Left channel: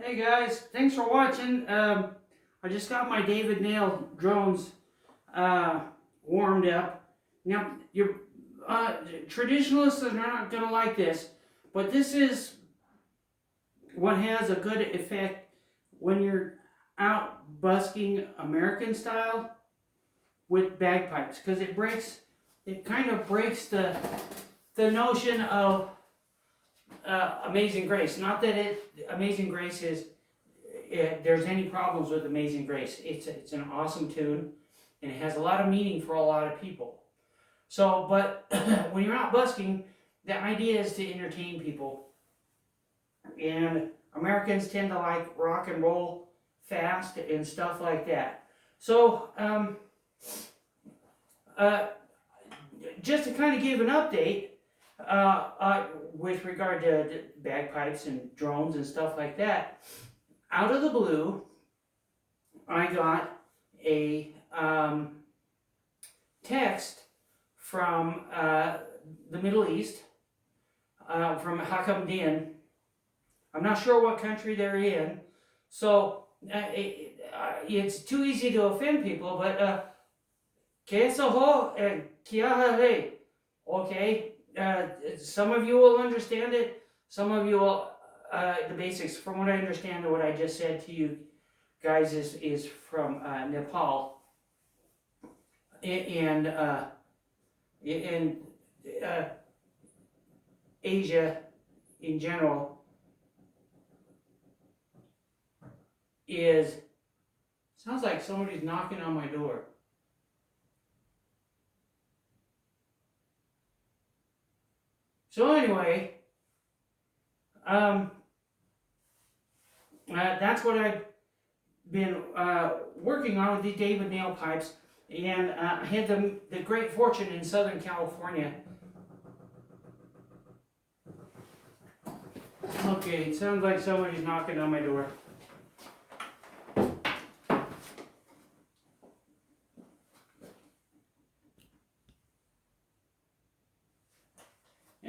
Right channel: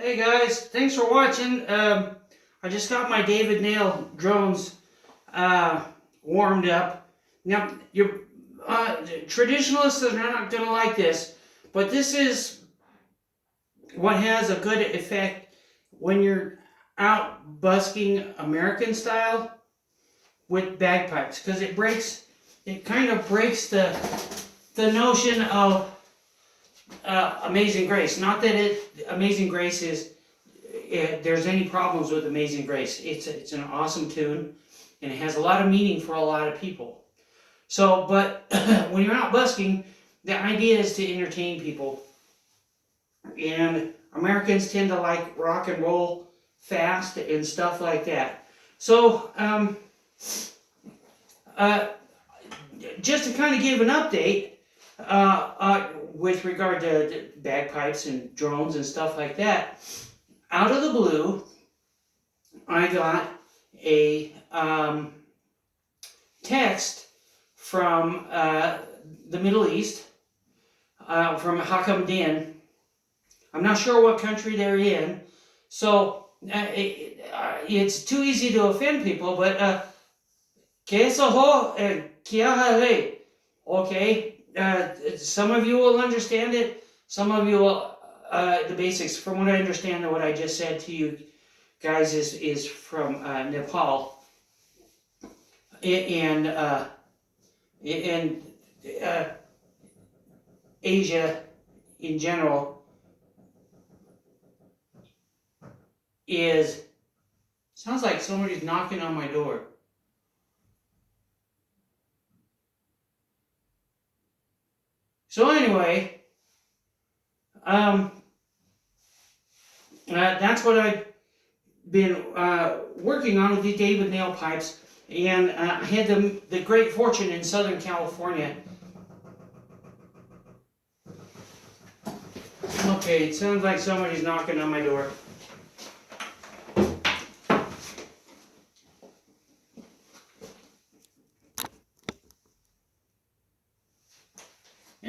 Hey guys, thanks for watching. I just got my David Nail drones warmed up. Now, your traditionalists are not going to like this, but this is what has a good effect when you're out busking American style with bagpipes, because it kind of breaks the notion of Amazing Grace. Not that Amazing Grace there's any problems with Amazing Grace. It's an awesome tune, and it has a lot of meaning for a lot of people. So, but when you're out busking, the idea is to entertain people, and Americans tend to like rock and roll fast and stuff like that. So, just to kind of give an update, with regard to bagpipes and drones and stuff like that, out of the blue, I got a text from the Middle East, from Hakam Din. I'm not sure what country they're in, so it's too easy to offend people, but Kesaho and Kiahale. Okay, some of you will understand it, some of you will, the basics. From what I understand of what I just said to you guys is from Nepal and Asia in general. Sounds like somebody's knocking on my door. So anyway, that's what I've been working on with the David Nail pipes, and I had the great fortune in Southern California. Okay, it sounds like somebody's knocking on my door.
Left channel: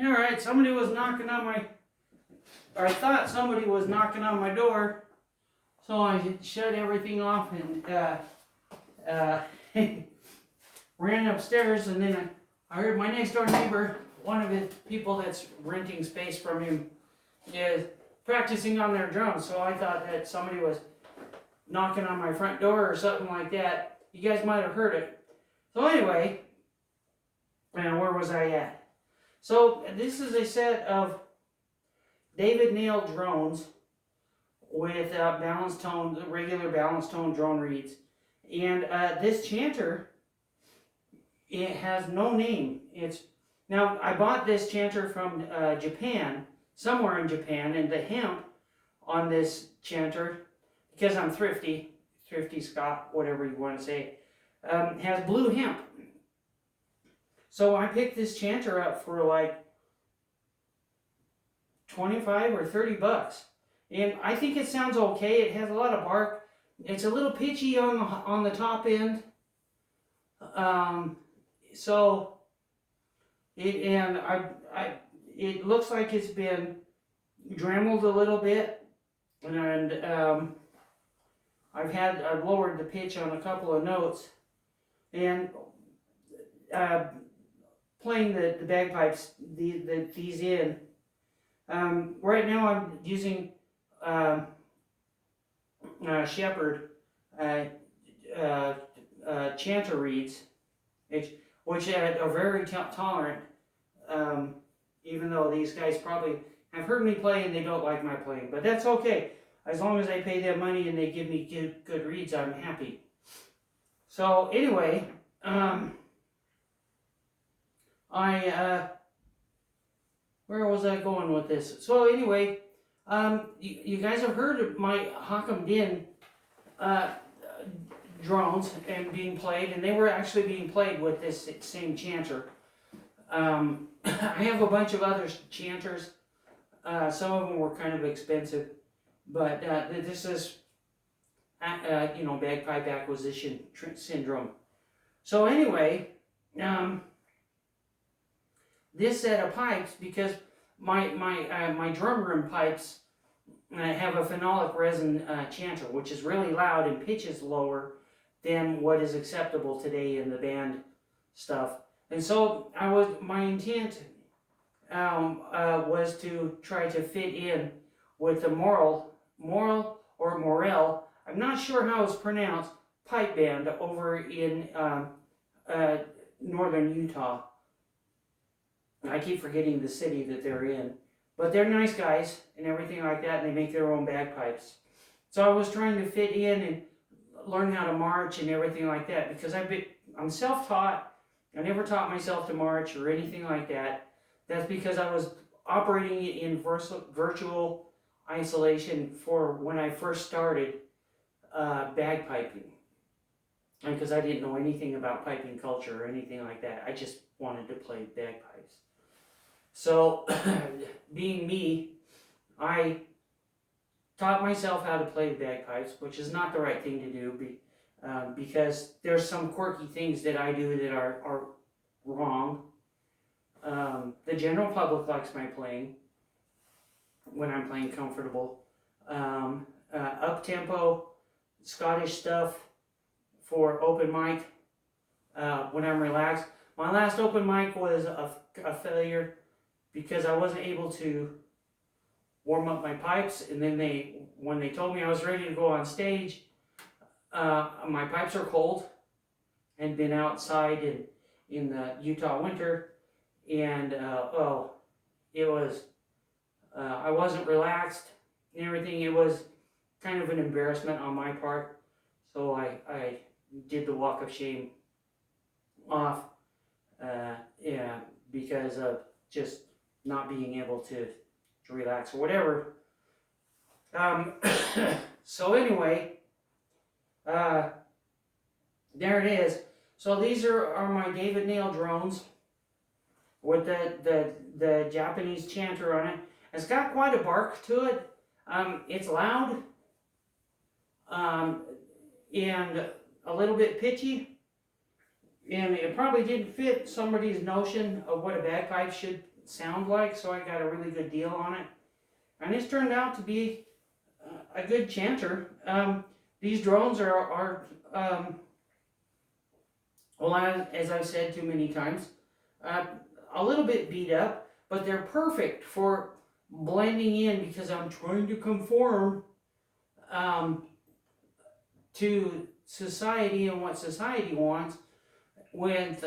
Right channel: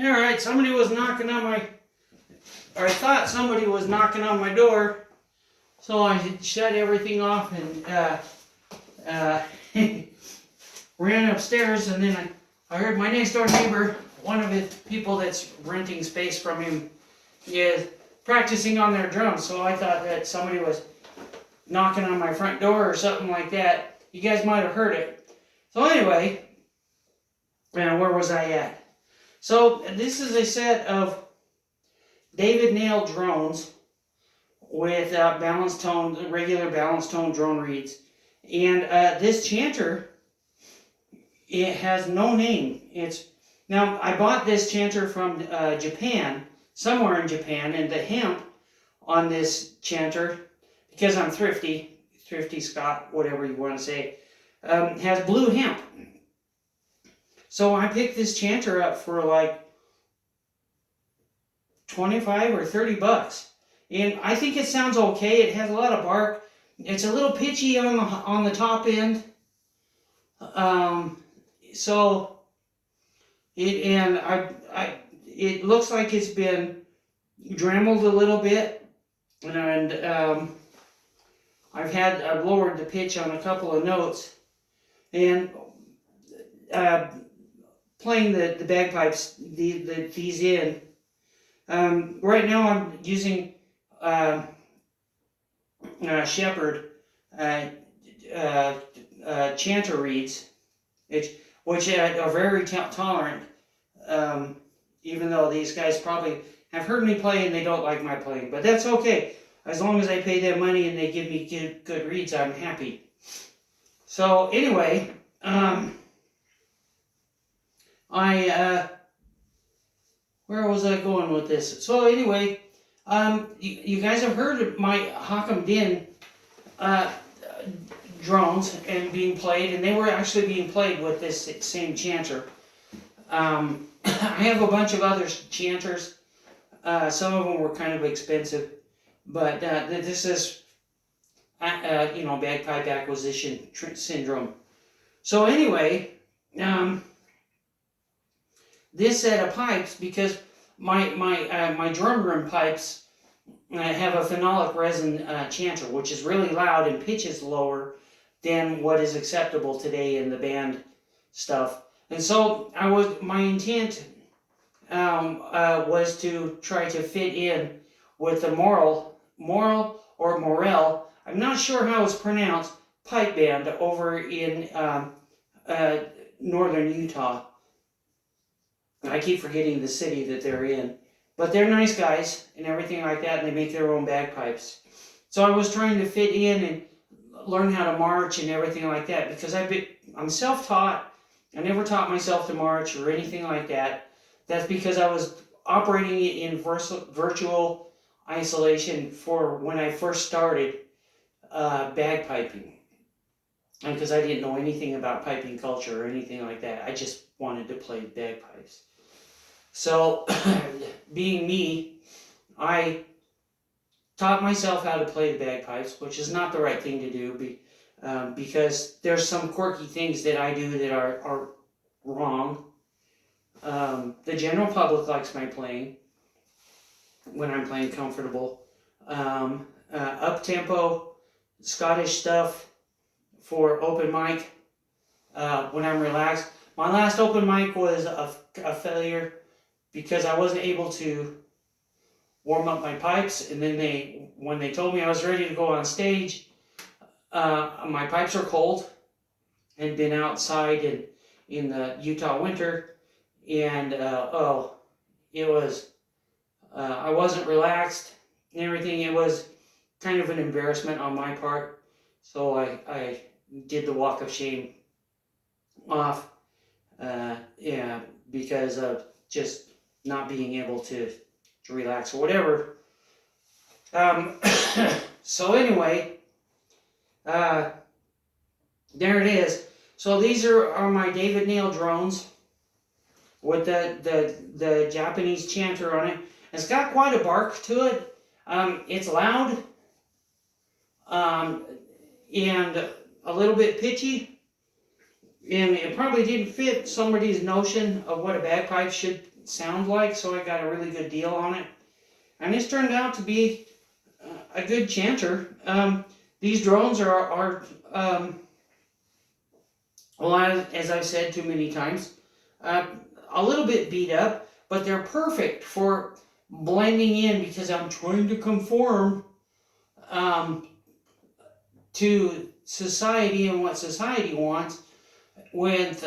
Alright, somebody was knocking on my, or I thought somebody was knocking on my door, so I shut everything off and ran upstairs, and then I heard my next door neighbor, one of the people that's renting space from him, is practicing on their drums, so I thought that somebody was knocking on my front door or something like that. You guys might have heard it. So anyway, where was I at? So this is a set of David Nail drones with balanced tone, regular balanced tone drone reeds. And this chanter, it has no name. Now, I bought this chanter from Japan, somewhere in Japan, and the hemp on this chanter, because I'm thrifty Scott, whatever you want to say, has blue hemp. So I picked this chanter up for like 25 or 30 bucks. And I think it sounds okay. It has a lot of bark. It's a little pitchy on the top end. So it looks like it's been dremeled a little bit, and I've lowered the pitch on a couple of notes, and playing the bagpipes, these in. Right now I'm using Shepherd chanter reeds, which are very tolerant, even though these guys probably have heard me play and they don't like my playing, but that's okay. As long as I pay them money and they give me good reeds, I'm happy. So anyway, where was I going with this? So anyway, you guys have heard of my Hakam Din drones and being played, and they were actually being played with this same chanter. I have a bunch of other chanters. Some of them were kind of expensive, but this is, bagpipe acquisition syndrome. So anyway, this set of pipes, because my drum room pipes I have a phenolic resin chanter, which is really loud and pitches lower than what is acceptable today in the band stuff. And so my intent was to try to fit in with the Moral or Morel, I'm not sure how it's pronounced, pipe band over in northern Utah. I keep forgetting the city that they're in. But they're nice guys and everything like that, and they make their own bagpipes. So I was trying to fit in and learn how to march and everything like that, because I'm self-taught. I never taught myself to march or anything like that. That's because I was operating in virtual isolation for when I first started bagpiping. And because I didn't know anything about piping culture or anything like that. I just wanted to play bagpipes. So, being me, I taught myself how to play the bagpipes, which is not the right thing to do, because there's some quirky things that I do that are wrong. The general public likes my playing when I'm playing comfortable. Up-tempo, Scottish stuff for open mic when I'm relaxed. My last open mic was a failure because I wasn't able to warm up my pipes, and then when they told me I was ready to go on stage, my pipes are cold and been outside in the Utah winter, and it was I wasn't relaxed and everything. It was kind of an embarrassment on my part, so I did the walk of shame off, because of just not being able to relax or whatever. So anyway, there it is. So these are my David Nail drones with the Japanese chanter on it. It's got quite a bark to it. It's loud and a little bit pitchy. And it probably didn't fit somebody's notion of what a bagpipe should sound like, so I got a really good deal on it. And it's turned out to be a good chanter. These drones are well, as I've said too many times, a little bit beat up, but they're perfect for blending in because I'm trying to conform to society and what society wants with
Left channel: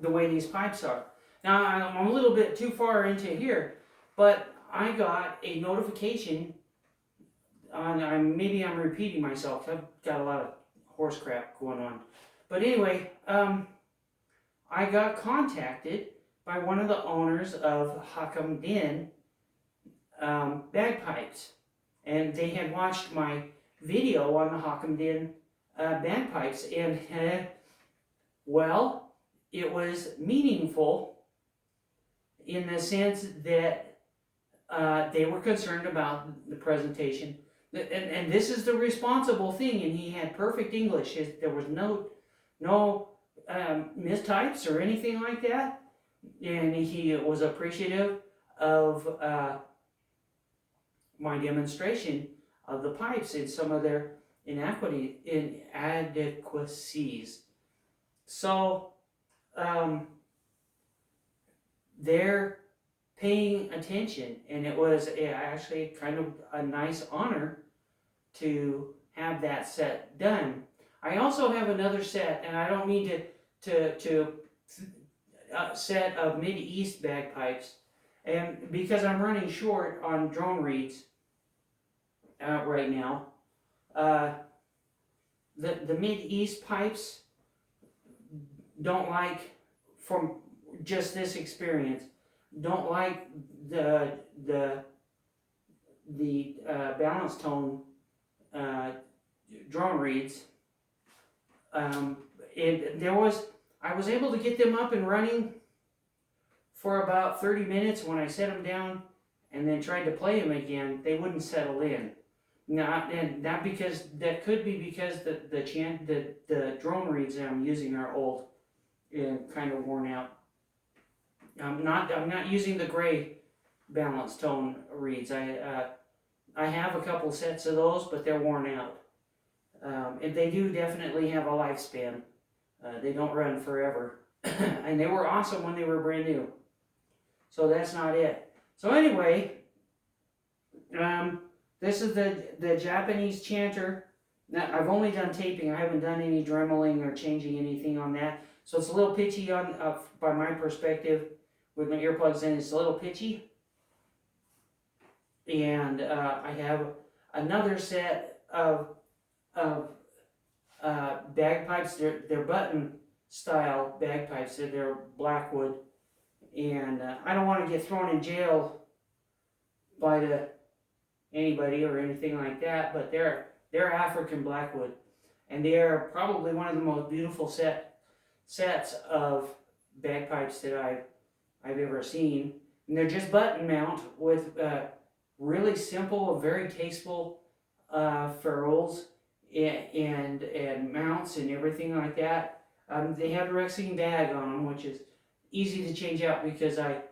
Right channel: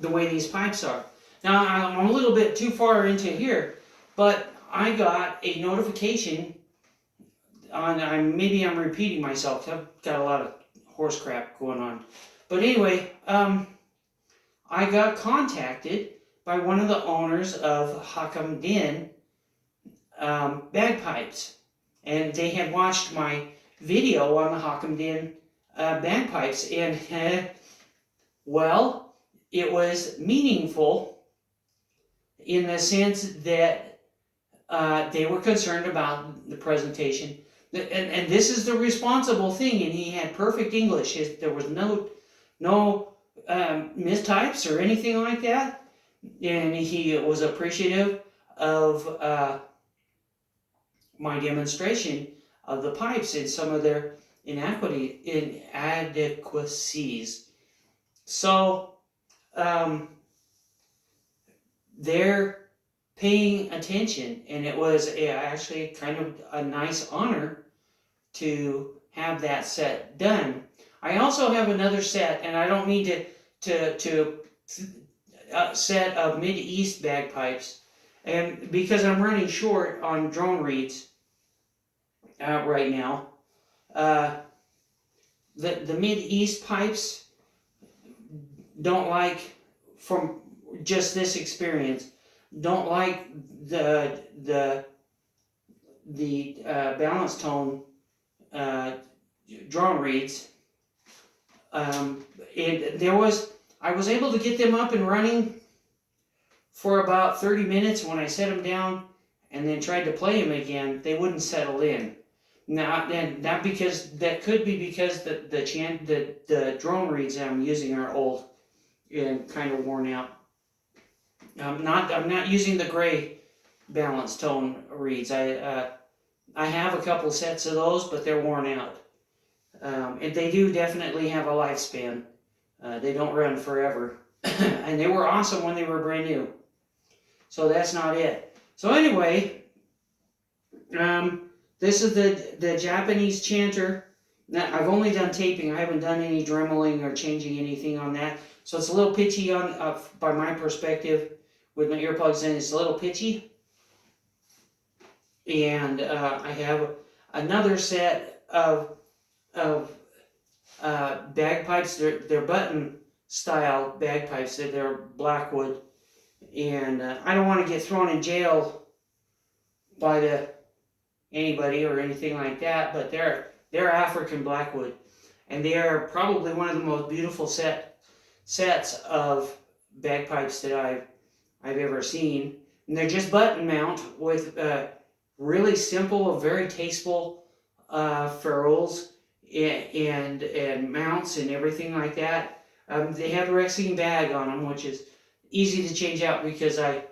the way these pipes are. Now, I'm a little bit too far into here, but I got a notification maybe I'm repeating myself. I've got a lot of horse crap going on. But anyway, I got contacted by one of the owners of Whitticome Din bagpipes. And they had watched my video on the Whitticome Din bagpipes. And, well, it was meaningful in the sense that they were concerned about the presentation. And this is the responsible thing, and he had perfect English. There was no mistypes or anything like that, and he was appreciative of my demonstration of the pipes and some of their inadequacies. So they're paying attention, and it was actually kind of a nice honor to have that set done. I also have another set, and I don't mean to set of Mid-East bagpipes, and because I'm running short on drone reeds right now. The Mid-East pipes don't like, from just this experience, don't like the balance tone drone reeds. And I was able to get them up and running for about 30 minutes. When I set them down and then tried to play them again, they wouldn't settle in. Not because that could be because the drone reeds that I'm using are old and kind of worn out. I'm not using the gray balance tone reeds. I have a couple sets of those, but they're worn out. And they do definitely have a lifespan. They don't run forever. And they were awesome when they were brand new. So that's not it. So anyway, this is the Japanese chanter. Now, I've only done taping. I haven't done any dremeling or changing anything on that. So it's a little pitchy on by my perspective. With my earplugs in, it's a little pitchy. And I have another set of bagpipes. They're button style bagpipes. They're blackwood. And I don't want to get thrown in jail by anybody or anything like that, but they're African blackwood, and they are probably one of the most beautiful sets of bagpipes that I've ever seen. And they're just button mount with really simple, very tasteful ferrules and mounts and everything like that. They have a Rexine bag on them, which is easy to change out because I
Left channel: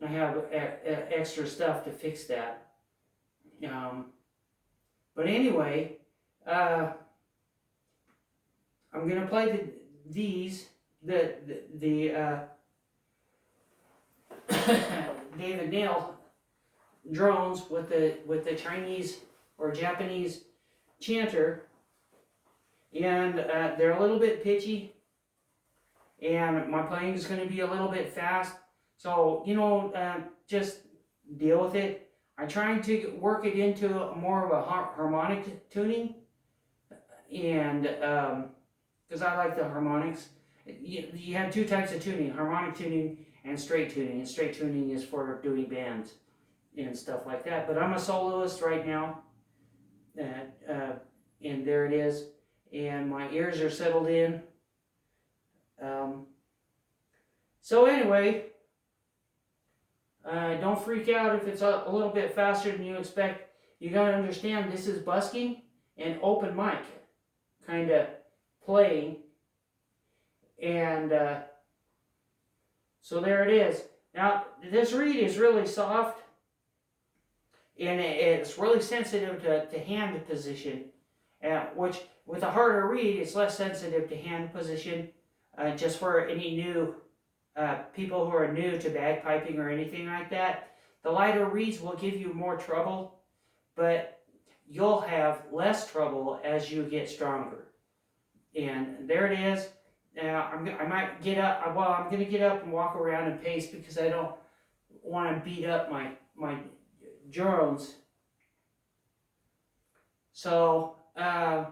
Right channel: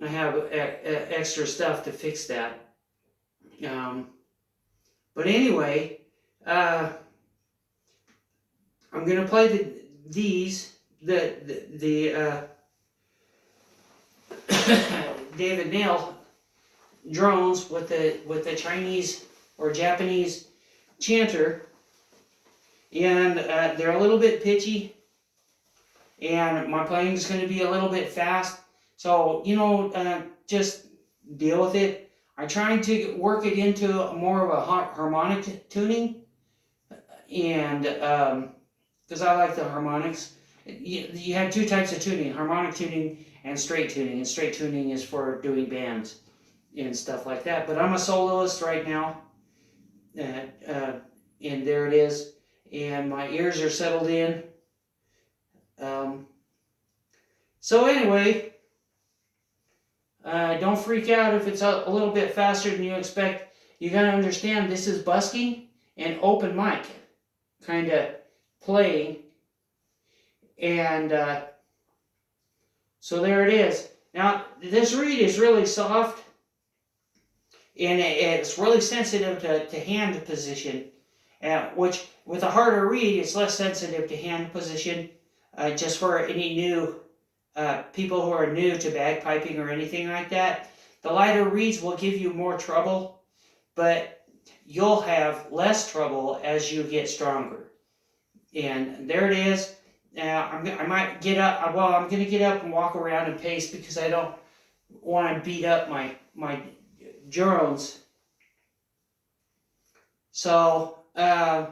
have extra stuff to fix that. But anyway, I'm gonna play the David Nail drones with the Chinese or Japanese chanter, and they're a little bit pitchy, and my playing is going to be a little bit fast. So just deal with it. I'm trying to work it into more of a harmonic tuning, and because I like the harmonics. You have two types of tuning: harmonic tuning and straight tuning. And straight tuning is for doing bands and stuff like that. But I'm a soloist right now, and there it is. And my ears are settled in. So anyway. Don't freak out if it's a little bit faster than you expect. You gotta understand this is busking and open mic kind of playing. And so there it is. Now, this reed is really soft, and it's really sensitive to hand position, which with a harder reed, it's less sensitive to hand position, just for any new people who are new to bagpiping or anything like that. The lighter reeds will give you more trouble, but you'll have less trouble as you get stronger. And there it is. I might get up. Well, I'm going to get up and walk around and pace because I don't want to beat up my drones. So I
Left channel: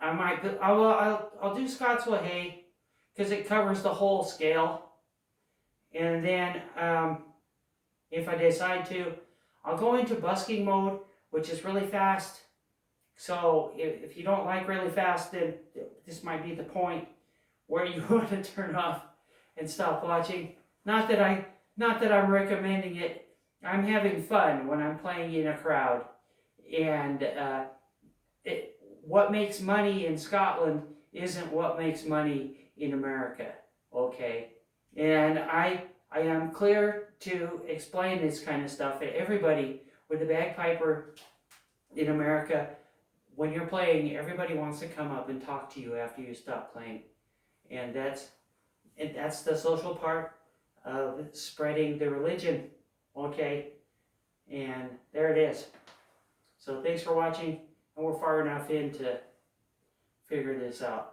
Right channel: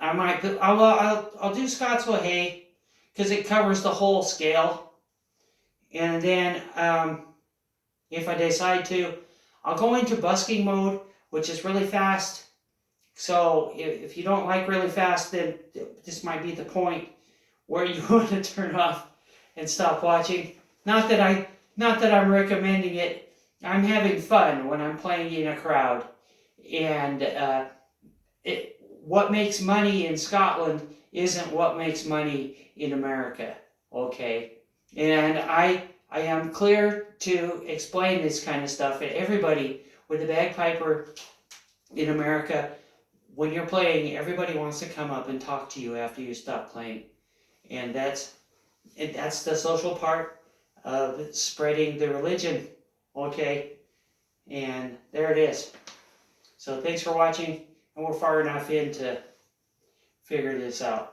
might put. I'll do Scotswell hay because it covers the whole scale. And then if I decide to, I'll go into busking mode, which is really fast. So if you don't like really fast, then this might be the point where you want to turn off and stop watching. Not that I'm recommending it. I'm having fun when I'm playing in a crowd. And what makes money in Scotland isn't what makes money in America. Okay? And I am clear to explain this kind of stuff. And everybody, with a bagpiper in America, when you're playing, everybody wants to come up and talk to you after you stop playing. And that's the social part of spreading the religion. Okay? And there it is. So thanks for watching, and we're far enough in to figure this out.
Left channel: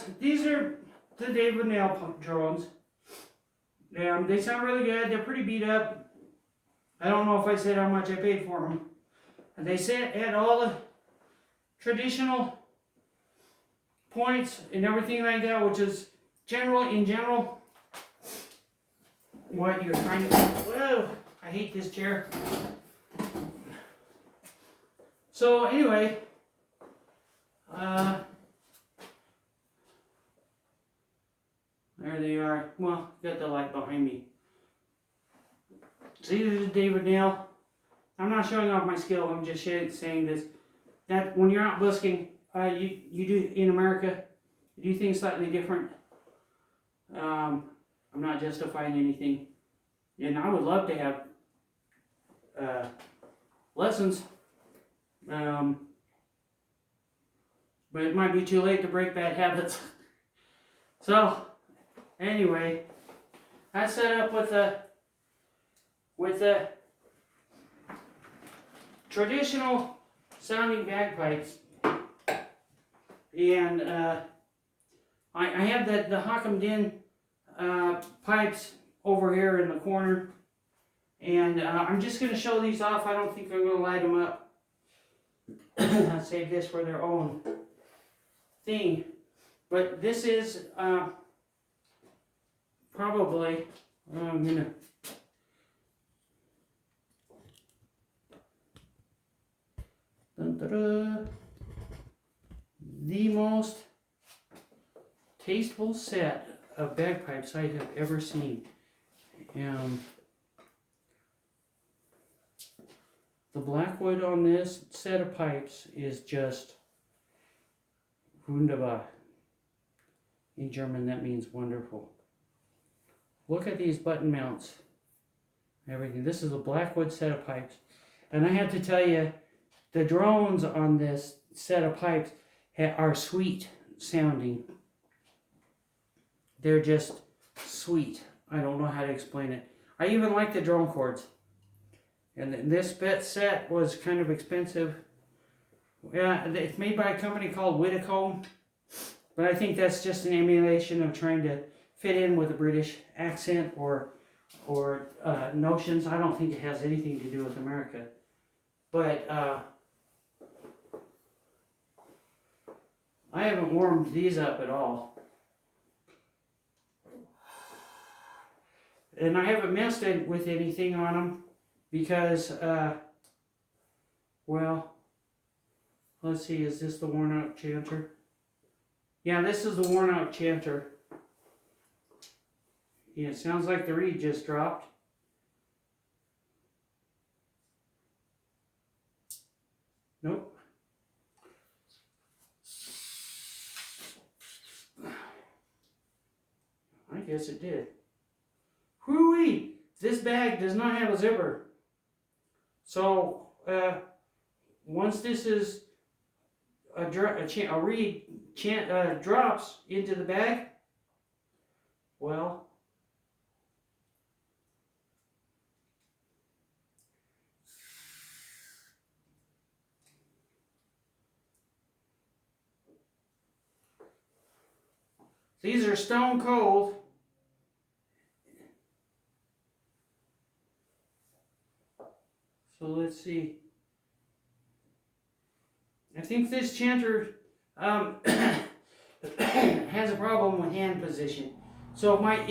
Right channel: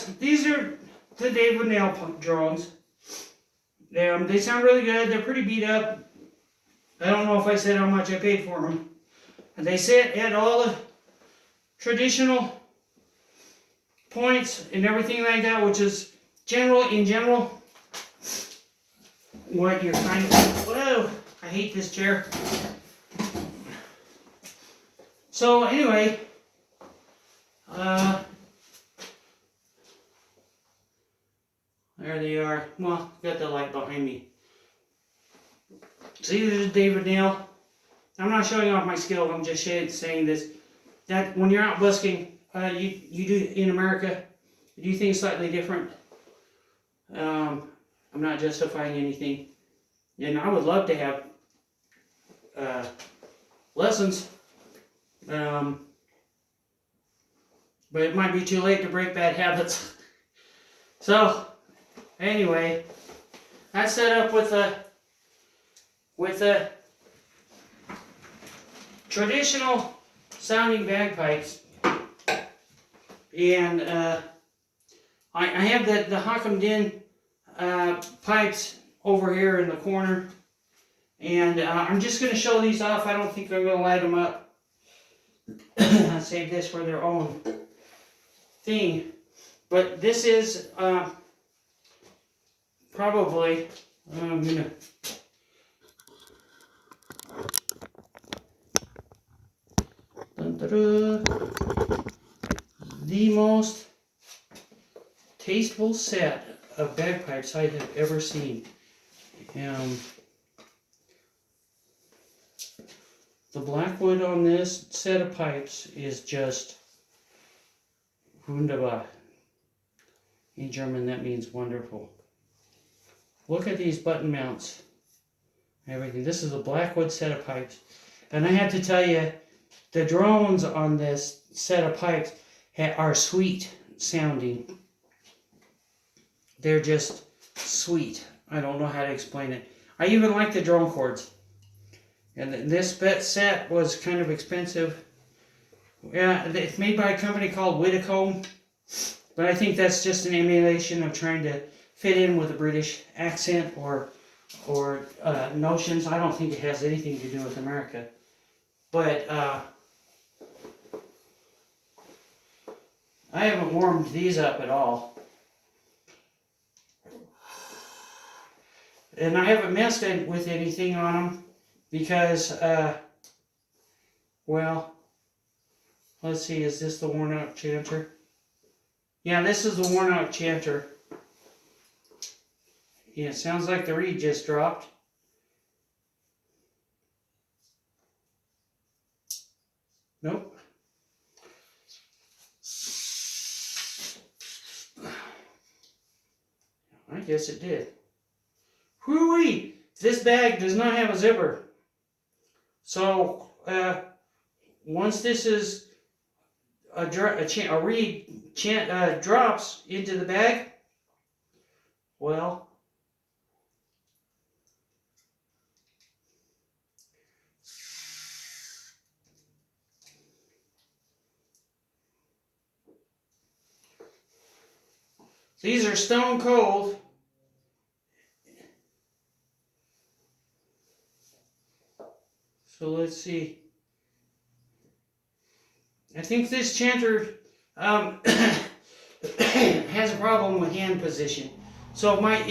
yes, these are the David nail drones. They sound really good. They're pretty beat up. I don't know if I said how much I paid for them. And they sit at all the traditional points and everything like that, which is in general, what you're kind of, whoa, I hate this chair. So anyway, there they are. Well, got the light behind me. So these are David nail. I'm not showing off my skill. I'm just saying this. That when you're out busking, you do in America, you do things slightly different. I'm not justifying anything, and I would love to have lessons, but it might be too late to break bad habits. So anyway, that's set up with the traditional sounding bagpipes, and I have the Whitticome din pipes over here in the corner, and I'm just going to show these off. I don't think I'm going to light them up. I'll save this for their own thing. But this is probably, I'm going to the most tasteful set of bagpipes I have ever seen. The blackwood on this set of pipes is just wunderbar. In German, that means wonderful. Look at these button mounts. Everything. This is a blackwood set of pipes. And I have to tell you, the drones on this set of pipes are sweet sounding. They're just sweet. I don't know how to explain it. I even like the drone cords. And this set was kind of expensive. Yeah, it's made by a company called Whitticome. But I think that's just an emulation of trying to fit in with a British accent or notions. I don't think it has anything to do with America. But I haven't warmed these up at all. And I haven't messed with anything on them because, well, let's see, is this the worn out chanter? Yeah, this is the worn out chanter. Yeah, it sounds like the reed just dropped. Nope. I guess it did. Whoo-wee! This bag does not have a zipper. So, once this is a reed drops into the bag, well, these are stone cold. So let's see. I think this chanter has a problem with hand position. So I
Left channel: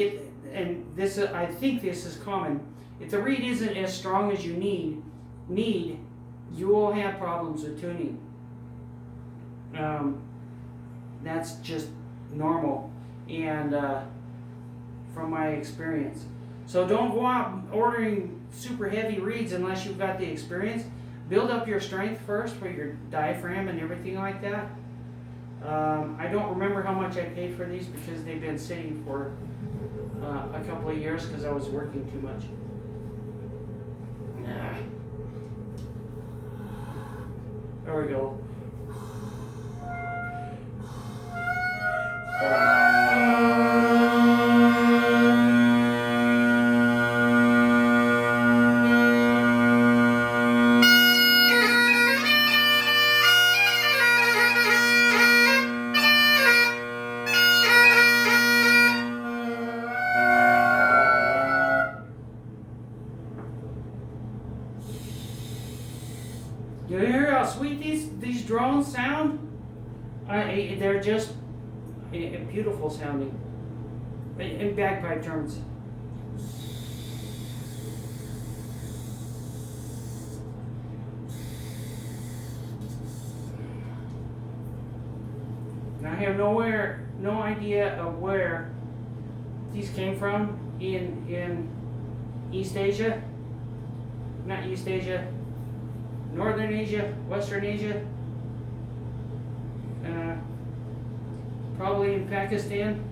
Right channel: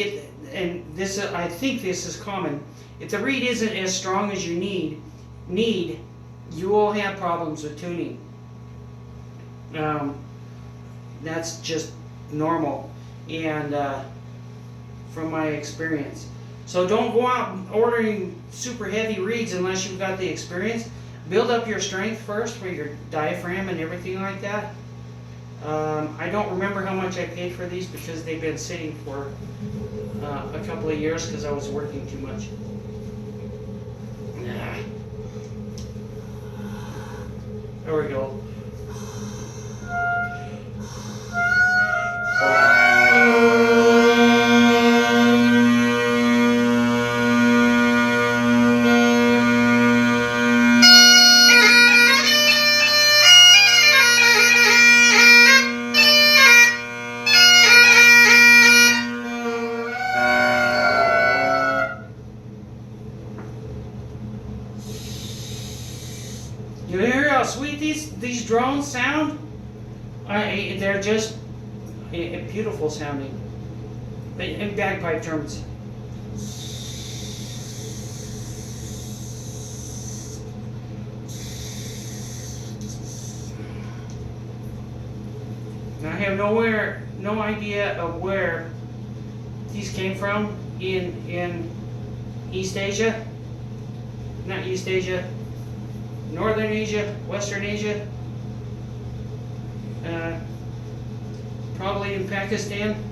think this is common. If the reed isn't as strong as you need, you will have problems with tuning. That's just normal, and from my experience. So don't go out ordering super heavy reeds unless you've got the experience. Build up your strength first for your diaphragm and everything like that. I don't remember how much I paid for these because they've been sitting for a couple of years because I was working too much. There we go. You hear how sweet these drones sound? They're just beautiful sounding. In bagpipe terms. I have no idea of where these came from in East Asia. Not East Asia. Northern Asia, Western Asia. Probably in Pakistan.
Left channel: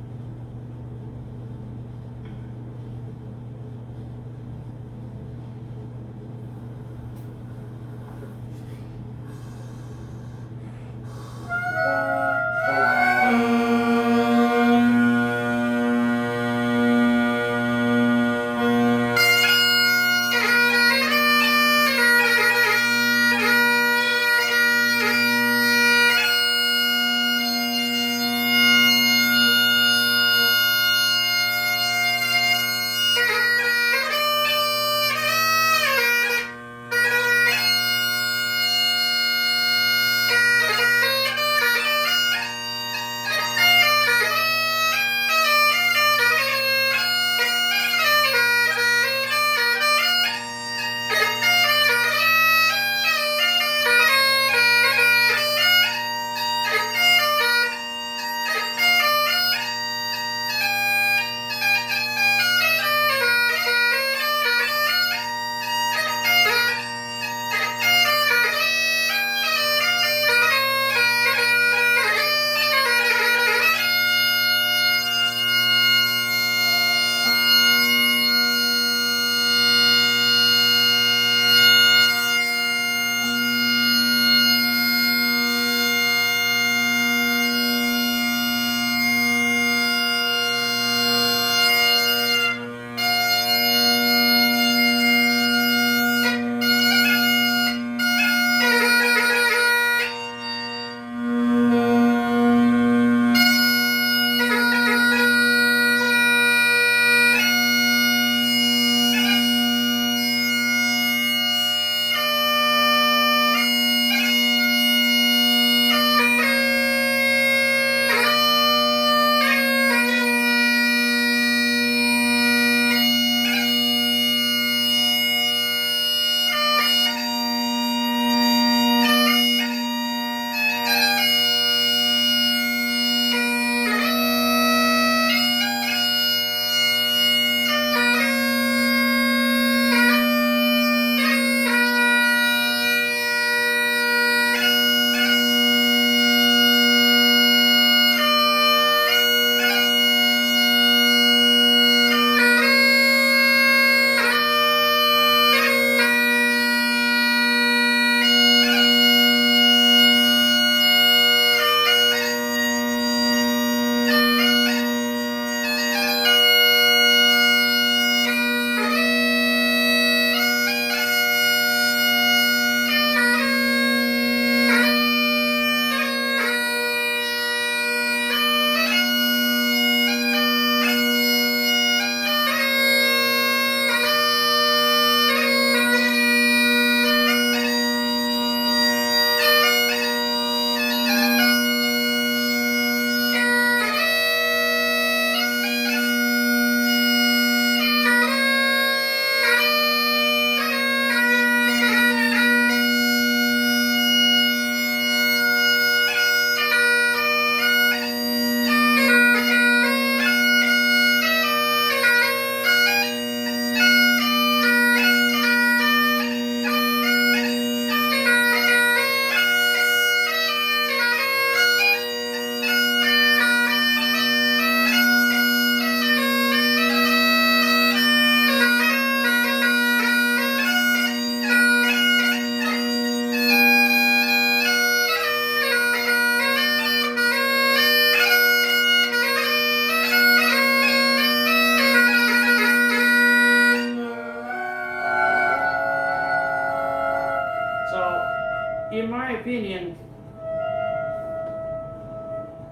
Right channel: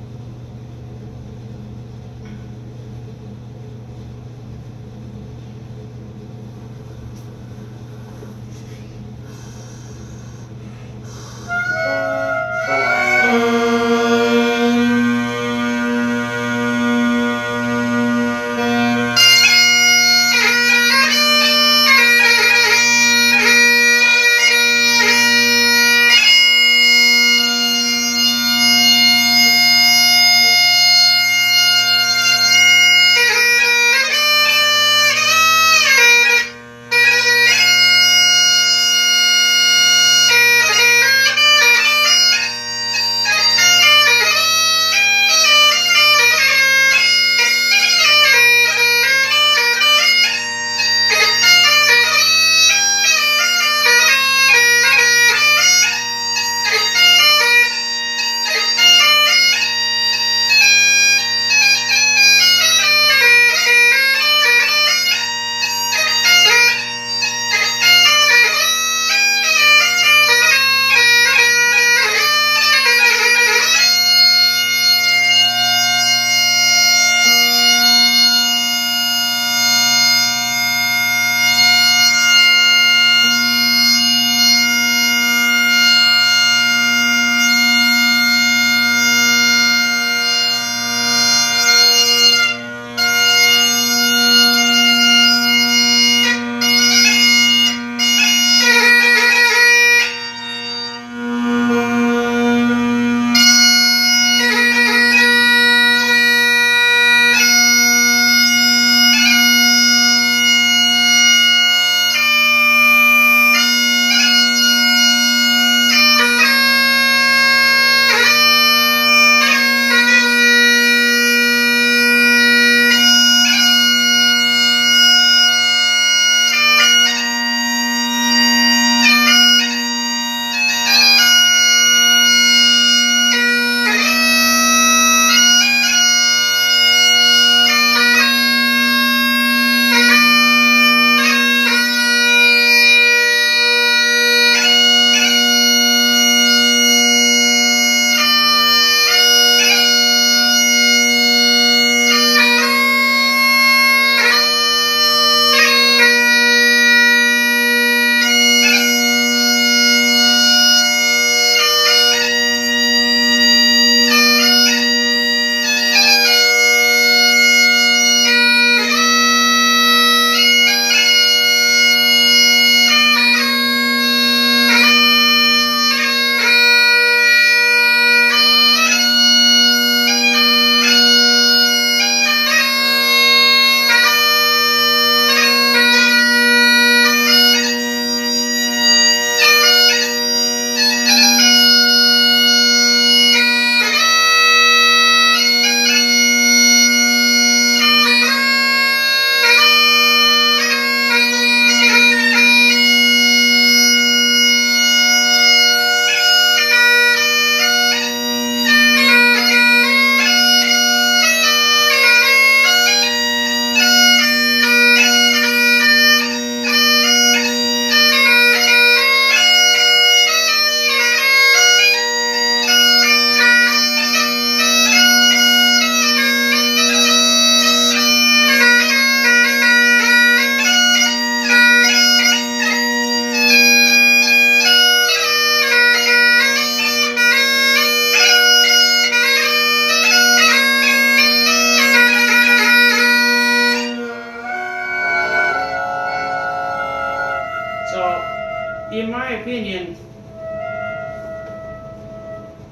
in my opinion,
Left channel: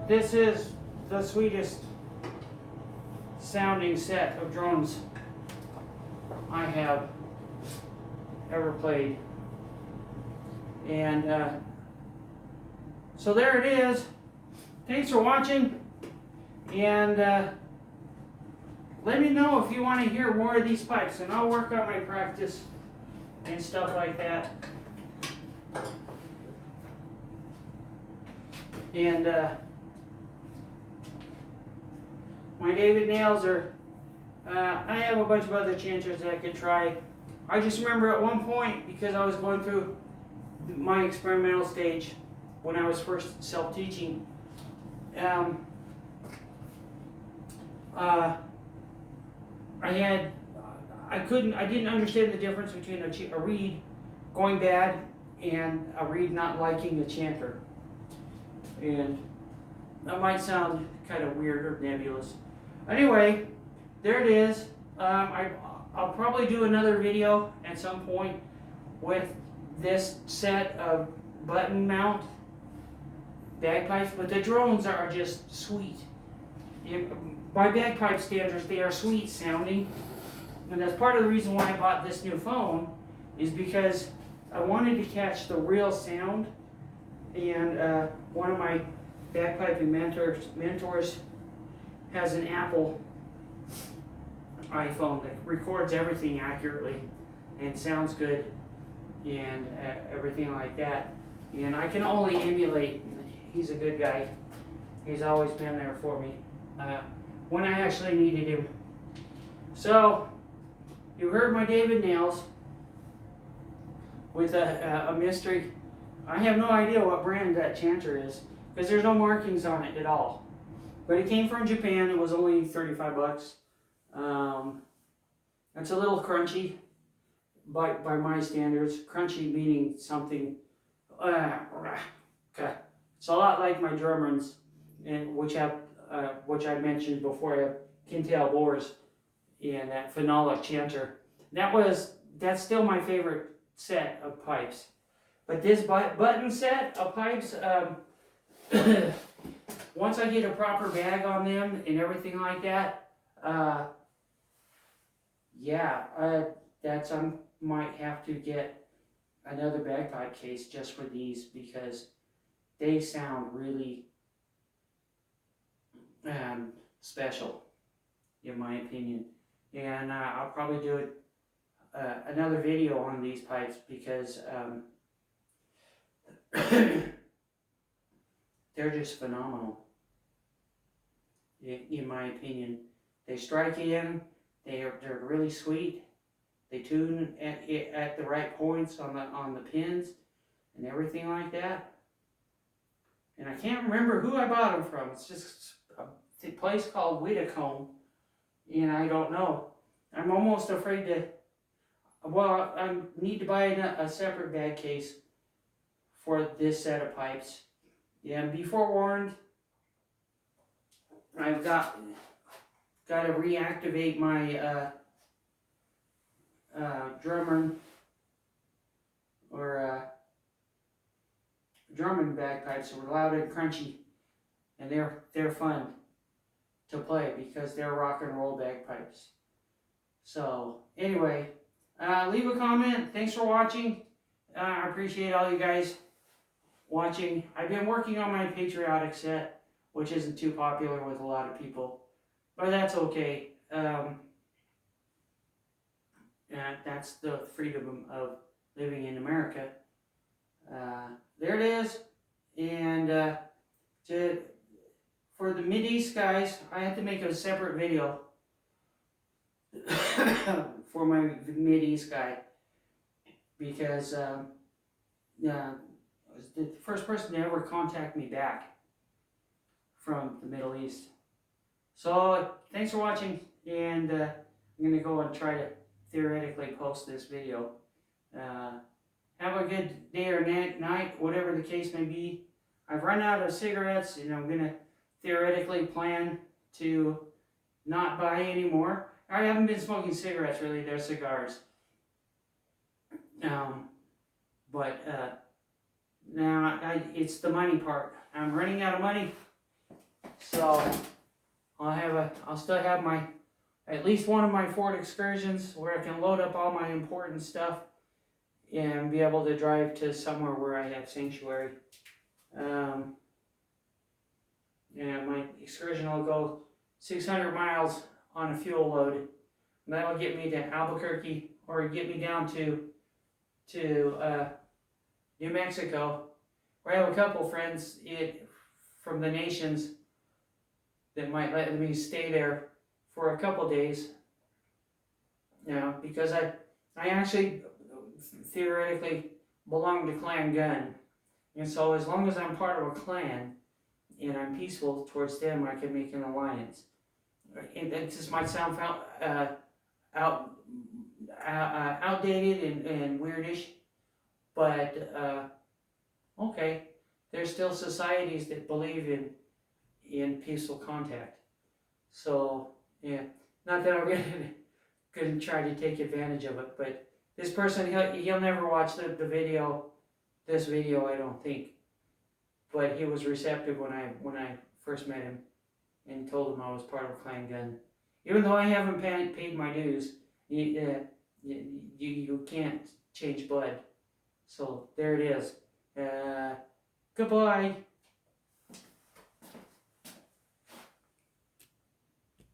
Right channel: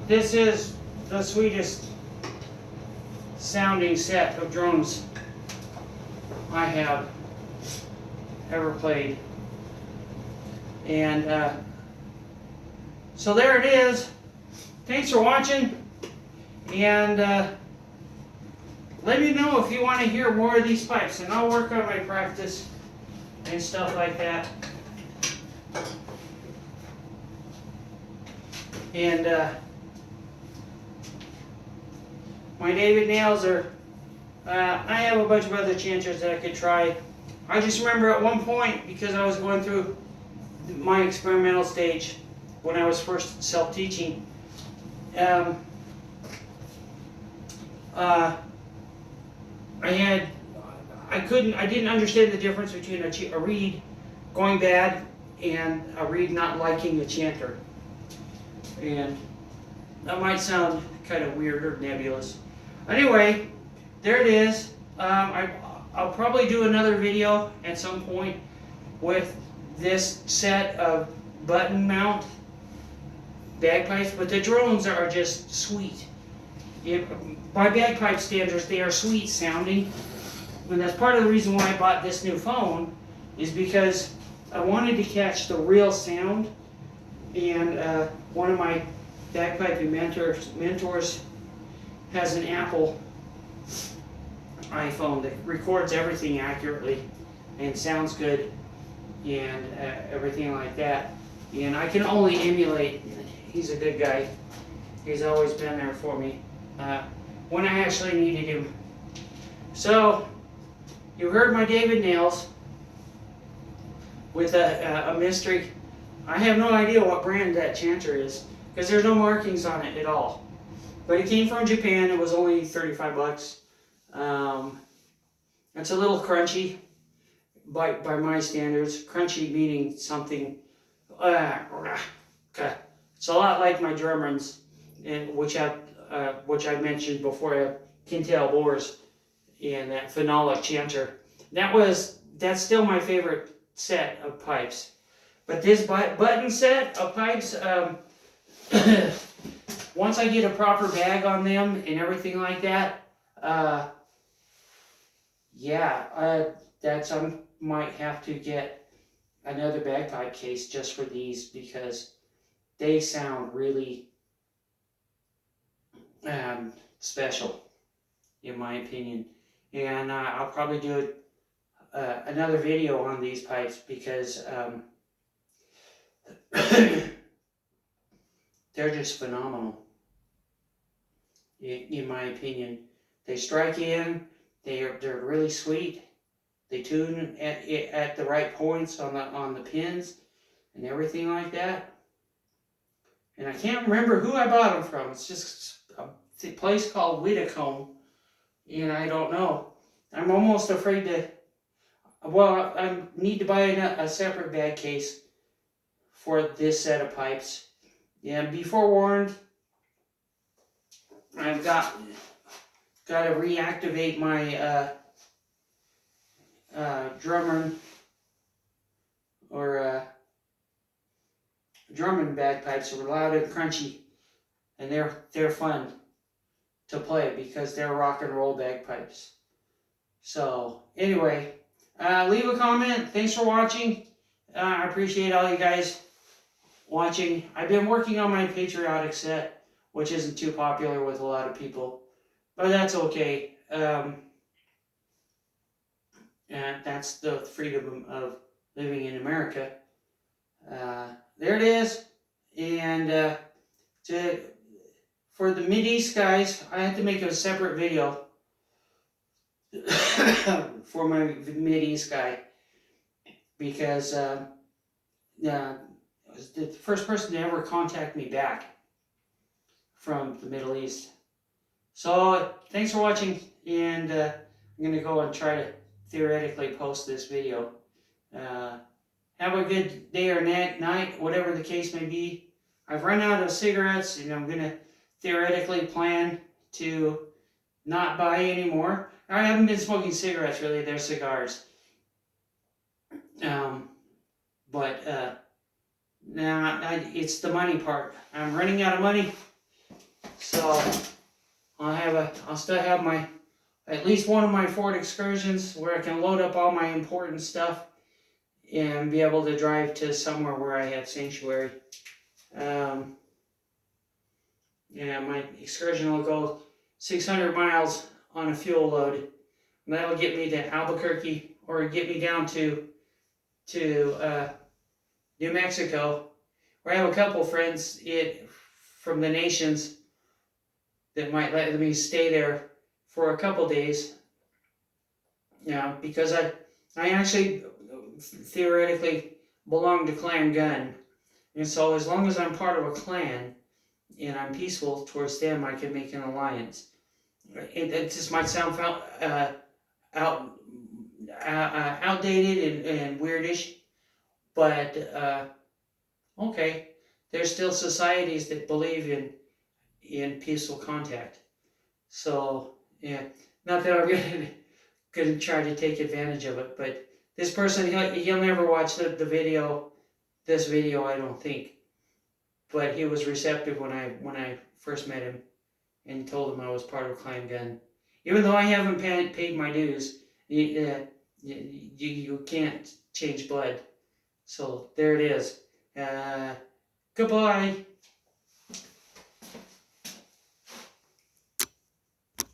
this is the sweetest sounding set of drums I have ever played. And so there it is. Thanks for watching, and let me know if you want to hear more of these pipes, and I'll work on my practice and stuff like that. And my David nails are, I have a bunch of other chanters that I could try. I just remember at one point, because I was going through my experimental stage when I was first self-teaching, I didn't understand the difference between a reed going bad and a reed not liking a chanter. And that might sound kind of weird or nebulous. Anyway, there it is. I'll probably do another video at some point with this set of button mount bagpipes, but the drones are just sweet. By bagpipe standards, they are sweet sounding, and that's part of the reason why I bought this new phone, is because I wanted to catch the real sound. And one of my bagpiping mentors has an Apple iPhone that records everything accurately and sounds good and everything like that. And I can only emulate. He's a good guy. He's always been there for me when I actually needed him. So, you heard my David nails with a mystery. I have no idea what brand that chanter is, because there's no markings on it at all. But it came from Japan. It was only 35 bucks. It's a little crunchy by my standards. Crunchy meaning something. It's a lot like my Germans, which I've mentioned before. Kintail bores and that phenolic chanter. That's still my favorite set of pipes. But this button set of pipes, once I get a proper bag on them and everything like that, I might have to get another bagpipe case just for these, because they sound really special, in my opinion. And I'll probably do another video on these pipes, because they're just phenomenal, in my opinion. They strike in. They're really sweet. They tune at the right points on the pins and everything like that. And I can't remember who I bought them from. It's just a place called Whitticome, and I don't know. I'm almost afraid to. Well, I need to buy a separate bag case for this set of pipes. Yeah, be forewarned. I've got to reactivate my Drummond or Drummond bagpipes. They're loud and crunchy, and they're fun to play because they're rock and roll bagpipes. So anyway, leave a comment. Thanks for watching. I appreciate all you guys watching. I've been working on my patriotic set, which isn't too popular with a lot of people, but that's okay. That's the freedom of living in America. There it is. And for the Mideast guys, I had to make a separate video for my Mideast guy, because was the first person to ever contact me back from the Middle East. So thanks for watching, and I'm going to go and try to theoretically post this video. Have a good day or night, whatever the case may be. I've run out of cigarettes, and I'm going to theoretically plan to not buy any more. I haven't been smoking cigarettes, really. They're cigars. It's the money part. I'm running out of money, so I'll still have at least one of my Ford Excursions where I can load up all my important stuff and be able to drive to somewhere where I had sanctuary. My excursion will go 600 miles on a fuel load. And that'll get me to Albuquerque, or get me down to New Mexico, where I have a couple friends from the nations that might let me stay there for a couple days. Because I actually theoretically belong to Clan Gun, and so as long as I'm part of a clan and I'm peaceful towards them, I can make an alliance. It just might sound outdated and weirdish, but okay, there's still societies that believe in peaceful contact. So yeah, not that I'm gonna try to take advantage of it, but this person, he'll never watch the video, this video, I don't think. But he was receptive when I first met him and told him I was part of Clan Gun. Even though I haven't paid my dues, you can't change blood. So there it is. Goodbye.